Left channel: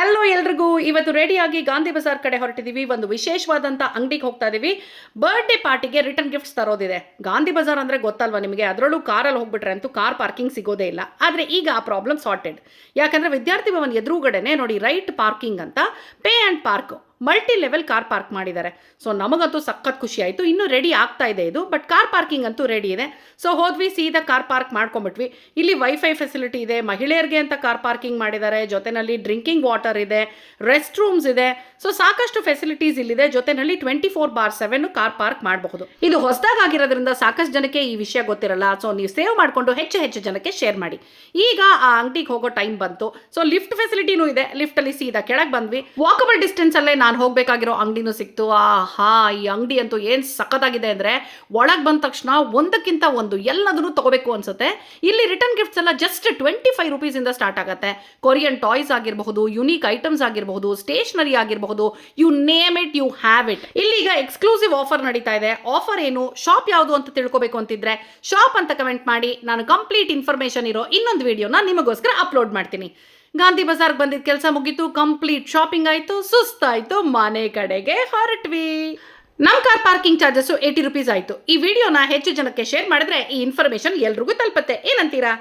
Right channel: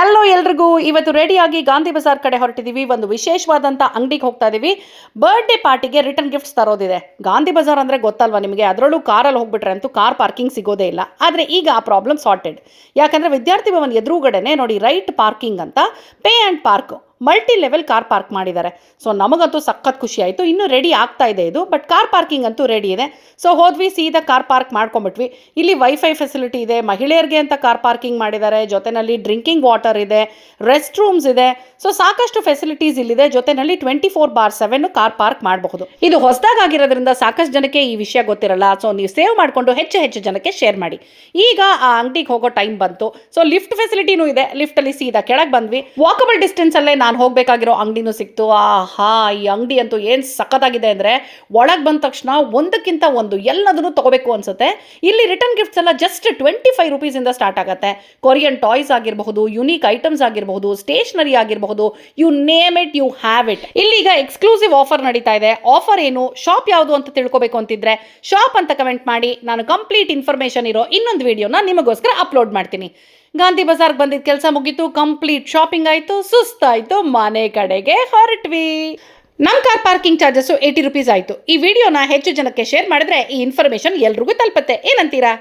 Hello ಎಲ್ರಿಗೂ, ಇವತ್ತು ರೆಡಿಯಾಗಿ ಗಾಂಧಿ ಬಜಾರ್ ಕಡೆ ಹೊರಟಿದ್ದೀವಿ. ಒಂದು ವಿಶೇಷವಾದಂಥ ಅಂಗಡಿಗೆ ಹೋಗ್ತಾ ಇದ್ದೀವಿ. ಬರ್ಡೇ ಪಾರ್ಟಿಗೆ ರಿಟರ್ನ್ ಗಿಫ್ಟ್ಸ್ ತರೋದಿದೆ. ಗಾಂಧಿ ಬಜಾರ್ ಅಂದರೆ ಗೊತ್ತಲ್ವಾ ನಿಮಗೆ, ಅದರಲ್ಲೂ ಕಾರಲ್ಲಿ ಹೋಗ್ಬಿಟ್ರೆ ಅಂತೂ ಕಾರ್ ಪಾರ್ಕಿಂಗ್ ಸಿಗೋದೇ ಇಲ್ಲ. ಆದರೆ ಈಗ ಆ ಪ್ರಾಬ್ಲಮ್ ಸಾರ್ಟೆಡ್. ಯಾಕಂದರೆ ವಿದ್ಯಾರ್ಥಿ ಭವನ್ ಎದುರುಗಡೆನೆ ನೋಡಿ ರೈಟ್ ಪಾರ್ಕಿಂಗ್ ಅಂತ pay and park multi level car park ಮಾಡಿದ್ದಾರೆ. ಸೊ ನಮಗಂತೂ ಸಖತ್ ಖುಷಿ ಆಯಿತು. ಇನ್ನೂ ರೆಡಿ ಆಗ್ತಾ ಇದೆ ಇದು, ಬಟ್ ಕಾರ್ ಪಾರ್ಕಿಂಗ್ ಅಂತೂ ರೆಡಿ ಇದೆ. ಸೊ ಹೋದ್ವಿ, ಸೀದಾ ಕಾರ್ ಪಾರ್ಕ್ ಮಾಡ್ಕೊಂಬಿಟ್ವಿ. ಇಲ್ಲಿ ವೈಫೈ ಫೆಸಿಲಿಟಿ ಇದೆ, ಮಹಿಳೆಯರಿಗೆ ಅಂತ ಕಾರ್ ಪಾರ್ಕಿಂಗ್ ಮಾಡಿದ್ದಾರೆ, ಜೊತೆಯಲ್ಲಿ ಡ್ರಿಂಕಿಂಗ್ ವಾಟರ್ ಇದೆ, ರೆಸ್ಟ್ ರೂಮ್ಸ್ ಇದೆ. ಸೊ ಸಾಕಷ್ಟು ಫೆಸಿಲಿಟೀಸ್ ಇಲ್ಲಿದೆ. ಜೊತೆಯಲ್ಲಿ 24/7 ಕಾರ್ ಪಾರ್ಕ್ ಮಾಡಬಹುದು. ಇದು ಹೊಸದಾಗಿರೋದ್ರಿಂದ ಸಾಕಷ್ಟು ಜನಕ್ಕೆ ಈ ವಿಷಯ ಗೊತ್ತಿರಲ್ಲ. ಸೊ ನೀವು ಸೇವ್ ಮಾಡಿಕೊಂಡು ಹೆಚ್ಚು ಜನಕ್ಕೆ ಶೇರ್ ಮಾಡಿ. ಈಗ ಆ ಅಂಗಡಿಗೆ ಹೋಗೋ ಟೈಮ್ ಬಂತು. ಸೊ ಲಿಫ್ಟ್ ಫೆಸಿಲಿಟಿನೂ ಇದೆ. ಲಿಫ್ಟಲ್ಲಿ ಸೀದಾ ಕೆಳಗೆ ಬಂದ್ವಿ. ವಾಕಬಲ್ ಡಿಸ್ಟೆನ್ಸಲ್ಲೇ ನಾನು ಹೋಗಬೇಕಾಗಿರೋ ಅಂಗಡಿನೂ ಸಿಕ್ತು. ಈ ಅಂಗಡಿ ಅಂತೂ ಏನು ಸಖತ್ತಾಗಿದೆ ಅಂದರೆ, ಒಳಗೆ ಬಂದ ತಕ್ಷಣ ಒಂದಕ್ಕಿಂತ ಒಂದು ಎಲ್ಲದನ್ನು ತೊಗೋಬೇಕು ಅನ್ಸುತ್ತೆ. ಇಲ್ಲಿ ರಿಟರ್ನ್ ಗಿಫ್ಟ್ಸ್ ಎಲ್ಲ ಜಸ್ಟ್ 25 ರೂಪೀಸಿಂದ ಸ್ಟಾರ್ಟ್ ಆಗುತ್ತೆ. ಕೊರಿಯನ್ ಟಾಯ್ಸ್ ಆಗಿರಬಹುದು, ಯುನೀಕ್ ಐಟಮ್ಸ್ ಆಗಿರಬಹುದು, ಸ್ಟೇಷನರಿ ಆಗಿರಬಹುದು, you name it, you have it. ಇಲ್ಲಿಗ ಎಕ್ಸ್ಕ್ಲೂಸಿವ್ ಆಫರ್ ನಡೀತಾ ಇದೆ. ಆಫರ್ ಏನು, ಶಾಪ್ ಯಾವುದು ಅಂತ ತಿಳ್ಕೊಬೇಕು ಅಂತಿದ್ರೆ ಶಾಪ್ ಅಂತ ಕಮೆಂಟ್ ಮಾಡಿ. ನಾನು ಕಂಪ್ಲೀಟ್ ಇನ್ಫಾರ್ಮೇಷನ್ ಇರೋ ಇನ್ನೊಂದು ವಿಡಿಯೋನ ನಿಮಗೋಸ್ಕರ ಅಪ್ಲೋಡ್ ಮಾಡ್ತೀನಿ. ಗಾಂಧಿ ಬಜಾರ್ಗೆ ಬಂದಿದ್ದ ಕೆಲಸ ಮುಗೀತು, ಕಂಪ್ಲೀಟ್ ಶಾಪಿಂಗ್ ಆಯಿತು, ಸುಸ್ತಾಯಿತು, ಮನೆ ಕಡೆಗೆ ಹೊರಟ್ವಿ. ನಮ್ಮ ಕಾರ್ ಪಾರ್ಕಿಂಗ್ ಚಾರ್ಜಸ್ಸು 80 ರೂಪೀಸ್ ಆಯಿತು. ಈ ವಿಡಿಯೋನ ಹೆಚ್ಚು ಜನಕ್ಕೆ ಶೇರ್ ಮಾಡಿದ್ರೆ ಈ ಇನ್ಫಾರ್ಮೇಷನ್ ಎಲ್ರಿಗೂ ತಲುಪುತ್ತೆ. ಏನಂತೀರಾ?